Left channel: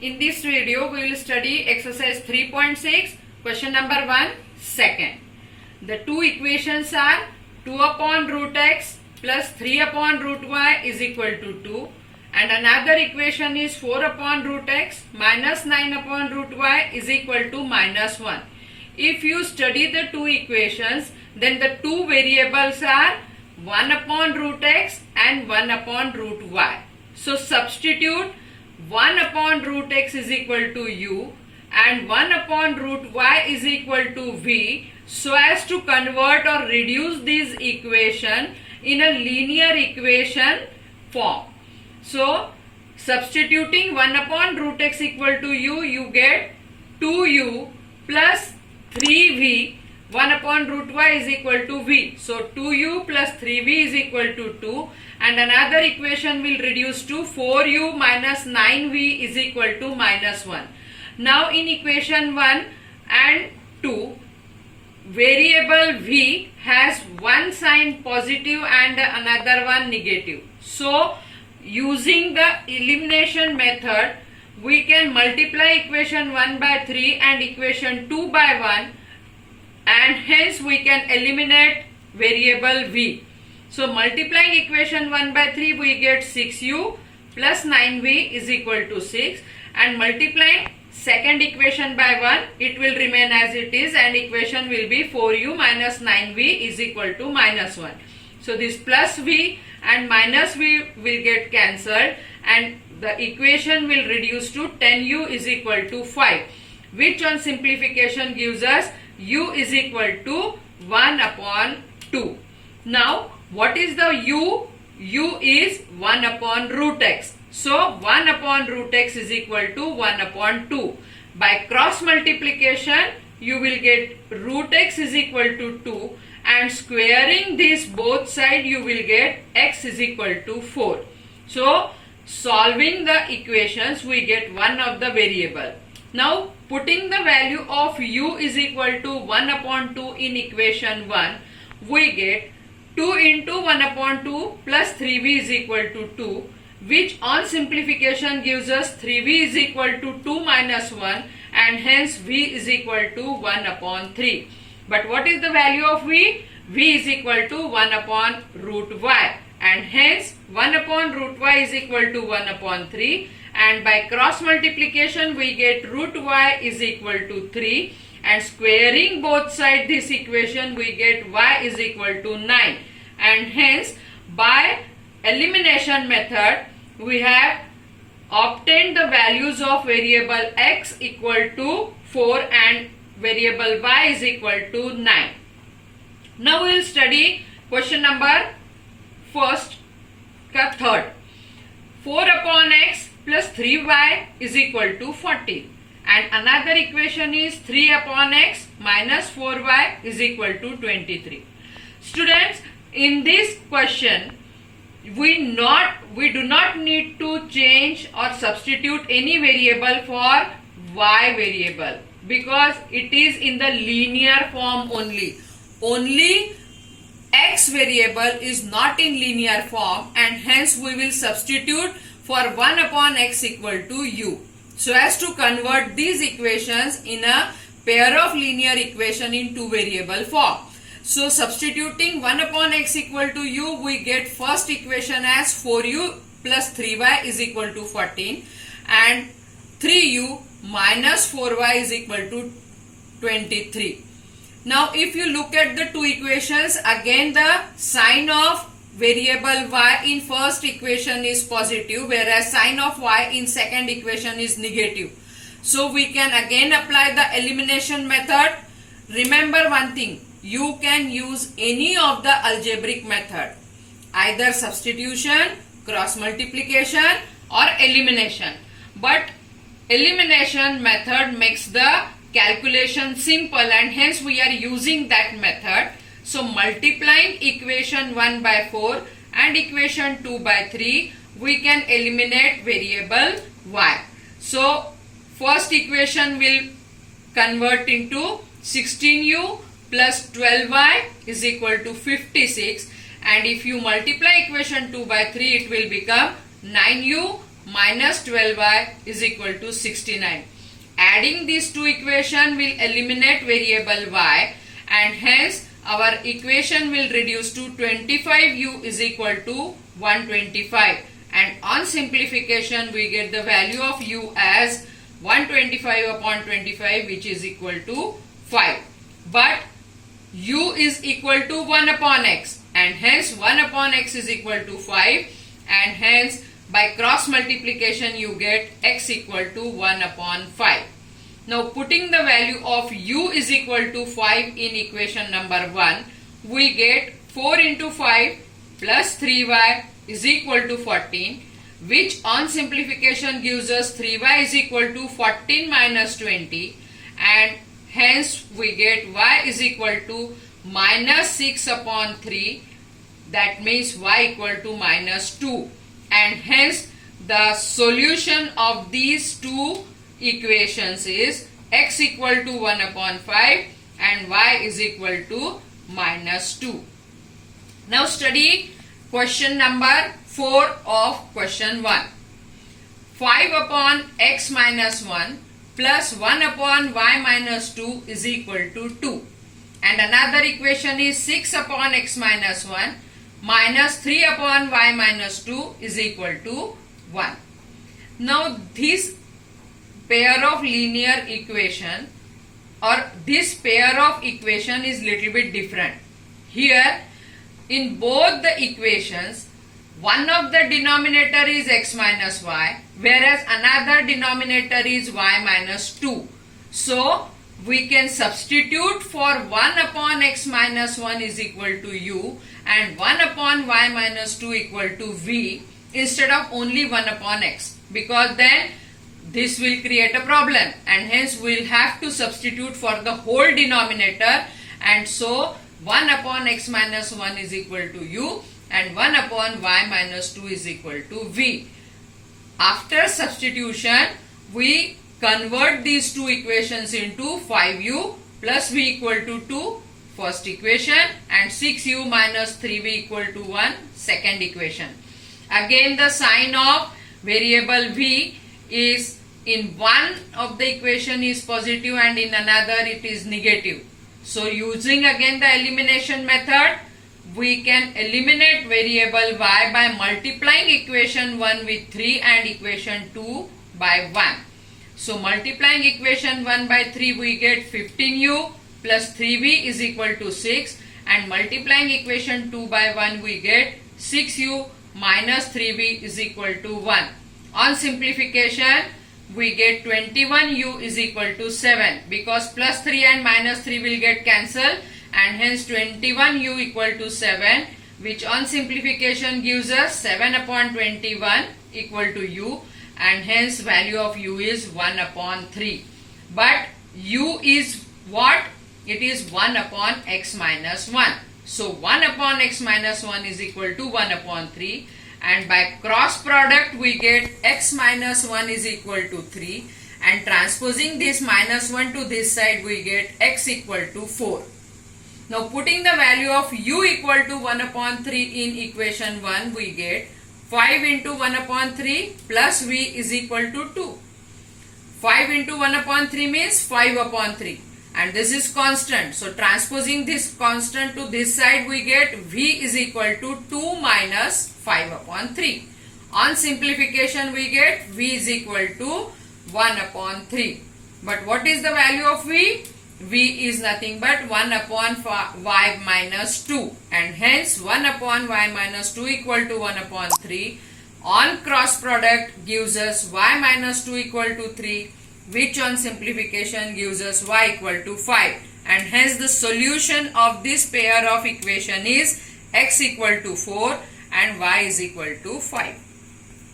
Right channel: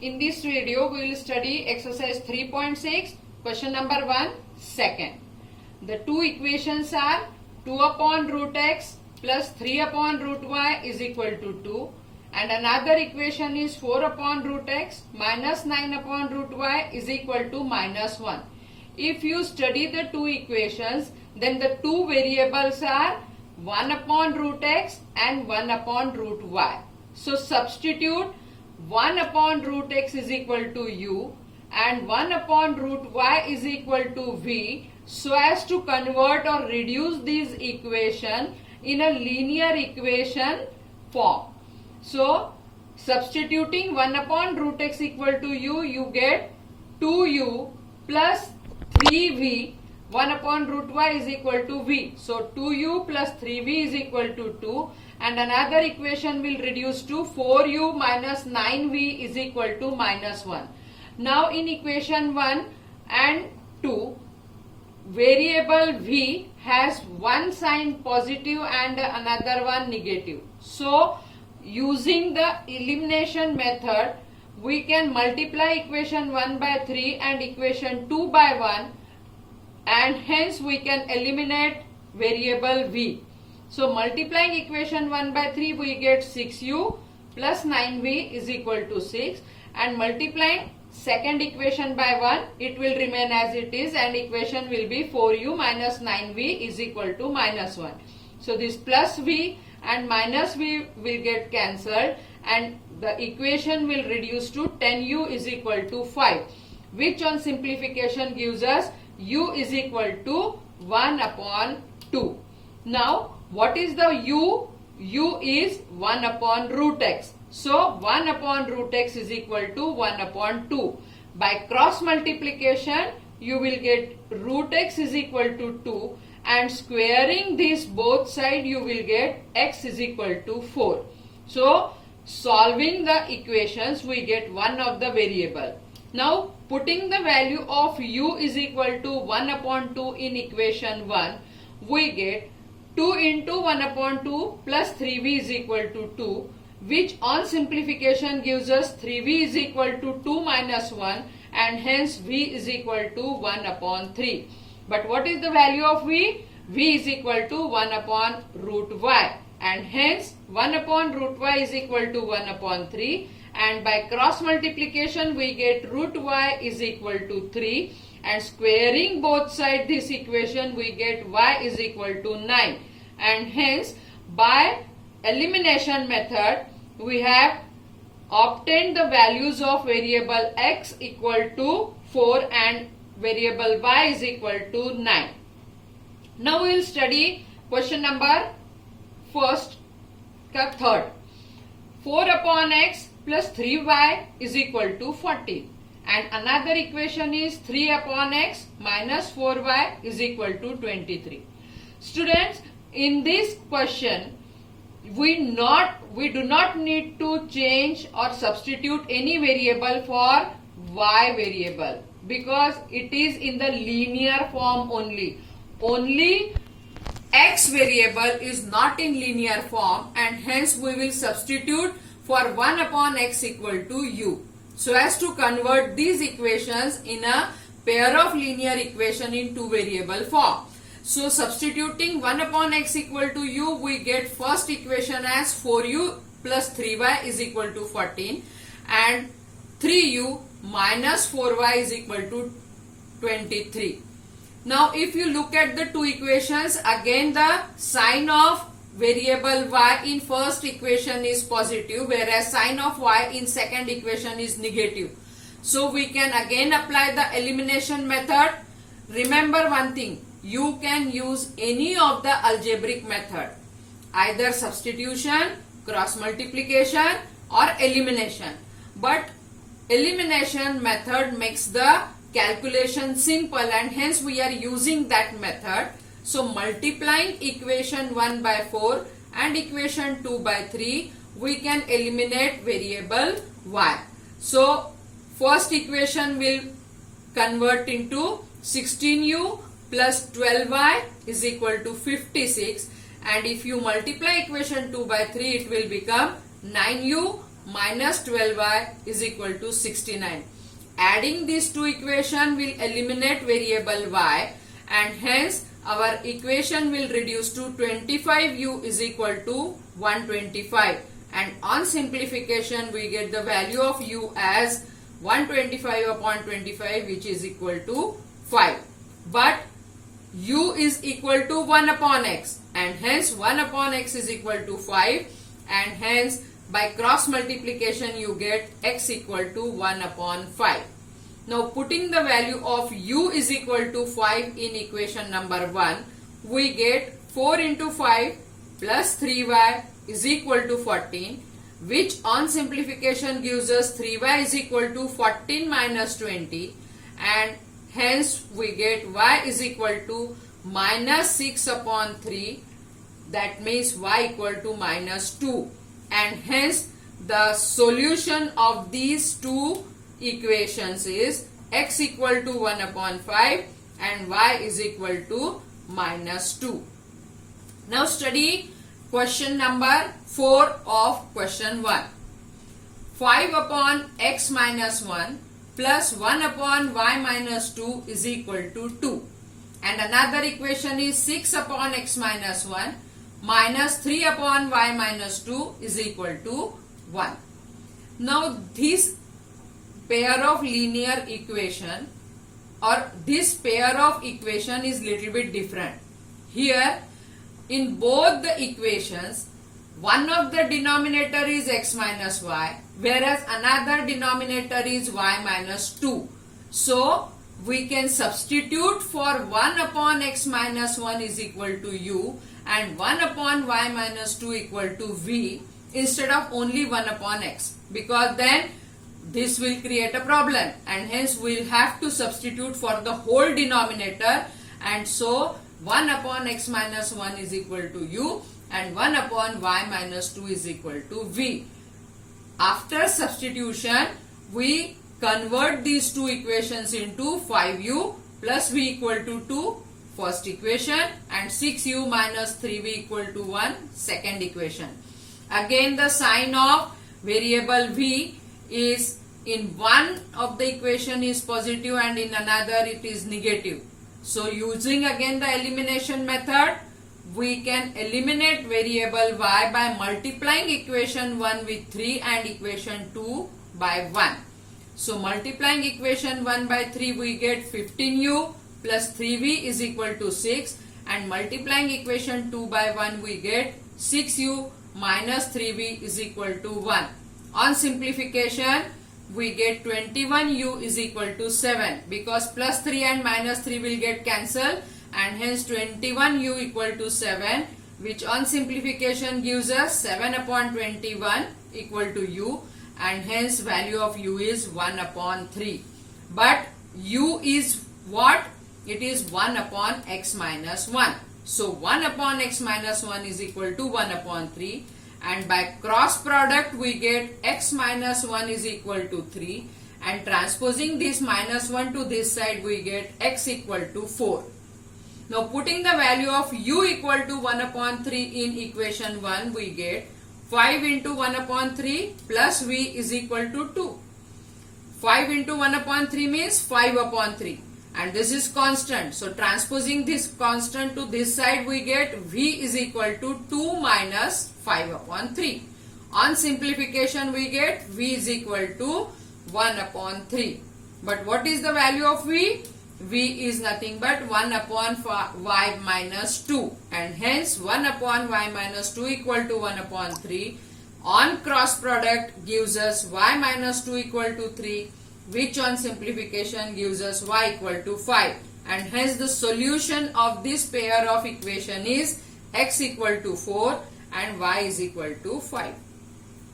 In this video, we will study exercise 3.6, question number 1, second. The two equations are 2 upon root x plus 3 upon root y is equal to 2, and another equation is 4 upon root x minus 9 upon root y is equal to minus 1. If you study the two equations, then the two variables are 1 upon root x and 1 upon root y. So substitute 1 upon root x is equal to u and 1 upon root y is equal to v, so as to convert or reduce this equation in a linear equation form. So substituting 1 upon root x equal to u, you get 2u plus 3v. 1 upon root y is equal to v. So 2u plus 3v is equal to 2, and another equation will reduce to 4u minus 9v is equal to minus 1. Now in equation 1 and 2, variable v has one sign positive and another one negative. So using the elimination method, we can multiply equation 1 by 3 and equation 2 by 1, and hence we can eliminate variable v. So multiplying equation 1 by 3, we get 6u plus 9v is equal to 6, and multiplying second equation by 1, it will remain as it is, and equation will be 4u minus 9v is equal to minus 1. So this plus v and minus v will get cancelled, and the equation will reduce to 10u is equal to 5, which on simplification gives us u is equal to 1 upon 2. Now what is the u? U is 1 upon root x. So 1 upon root x is equal to 1 upon 2. By cross multiplication, you will get root x is equal to 2, and squaring this both side, you will get x is equal to 4. So solving the equations, we get one of the variable. Now putting the value of u is equal to 1 upon 2 in equation 1, we get 2 into 1 upon 2 plus 3v is equal to 2, which on simplification gives us 3v is equal to 2 minus 1, and hence v is equal to 1 upon 3. But what is the value of v? V is equal to 1 upon root y, and hence 1 upon root y is equal to 1 upon 3, and by cross multiplication we get root y is equal to 3, and squaring both sides this equation we get y is equal to 9, and hence by elimination method we have obtained the values of variable x equal to 4 and variable y is equal to 9. Now we will study question number third. 4 upon x plus 3y is equal to 40, and another equation is 3 upon x minus 4y is equal to 23. Students, in this question we do not need to change or substitute any variable for y variable, because it is in the linear form only. Only x variable is not in linear form, and hence we will substitute for 1 upon x equal to u, so as to convert these equations in a pair of linear equation in two variable form. So substituting 1 upon x equal to u, we get first equation as 4u plus 3y is equal to 14, and 3u minus 4y is equal to 23. Now if you look at the two equations, again the sign of variable y in first equation is positive, whereas sign of y in second equation is negative. So we can again apply the elimination method. Remember one thing, you can use any of the algebraic method, either substitution, cross multiplication or elimination. But elimination method makes the calculation simple, and hence we are using that method. So multiplying equation 1 by 4 and equation 2 by 3, we can eliminate variable y. So first equation will convert into 16u plus 12y is equal to 56, and if you multiply equation 2 by 3, it will become 9u minus 12y is equal to 69. Adding these two equations will eliminate variable y, and hence our equation will reduce to 25u is equal to 125, and on simplification we get the value of u as 125 upon 25, which is equal to 5. But u is equal to 1 upon x, and hence 1 upon x is equal to 5, and hence by cross multiplication you get x equal to 1 upon 5. Now putting the value of u is equal to 5 in equation number 1, we get 4 into 5 plus 3y is equal to 14, which on simplification gives us 3y is equal to 14 minus 20, and hence we get y is equal to minus 6 upon 3, that means y equal to minus 2, and hence the solution of these two equations is x equal to 1 upon 5 and y is equal to minus 2. Now study question number 4 of question 1. 5 upon x minus 1 plus 1 upon y minus 2 is equal to 2. And another equation is 6 upon x minus 1 minus 3 upon y minus 2 is equal to 1. Now this pair of linear equation or this pair of equation is little bit different. Here in both the equations, one of the denominator is x minus y, whereas another denominator is y minus 2. So we can substitute for 1 upon x minus 1 is equal to u and 1 upon y minus 2 equal to v instead of only 1 upon x, because then this will create a problem, and hence we will have to substitute for the whole denominator, and so 1 upon x minus 1 is equal to u and 1 upon y minus 2 is equal to v. After substitution, we convert these two equations into 5u plus v equal to 2, first equation, and 6u minus 3v equal to 1, second equation. Again the sign of variable v is in one of the equation is positive and in another it is negative. So using again the elimination method, we can eliminate variable y by multiplying equation 1 with 3 and equation 2 by 1. So multiplying equation 1 by 3 we get 15u plus 3v is equal to 6, and multiplying equation 2 by 1 we get 6u minus 3v is equal to 1. On simplification we get 21u is equal to 7, because plus 3 and minus 3 will get cancelled, and hence 21u equal to 7, which on simplification gives us 7 upon 21 equal to u, and hence value of u is 1 upon 3. But u is what? It is 1 upon x minus 1. So 1 upon x minus 1 is equal to 1 upon 3. And by cross product we get x minus 1 is equal to 3, and transposing this minus 1 to this side we get x equal to 4. Now putting the value of u equal to 1 upon 3 in equation 1 we get 5 into 1 upon 3 plus v is equal to 2. 5 into 1 upon 3 means 5 upon 3, and this is constant. So transposing this constant to this side we get v is equal to 2 minus 5 upon 3. On simplification we get v is equal to 1 upon 3. But what is the value of v? V is nothing but 1 upon y minus 2, and hence 1 upon y minus 2 equal to 1 upon 3. On cross product gives us y minus 2 equal to 3, which on simplification gives us y equal to 5, and hence the solution of this pair of equation is x equal to 4 and y is equal to 5.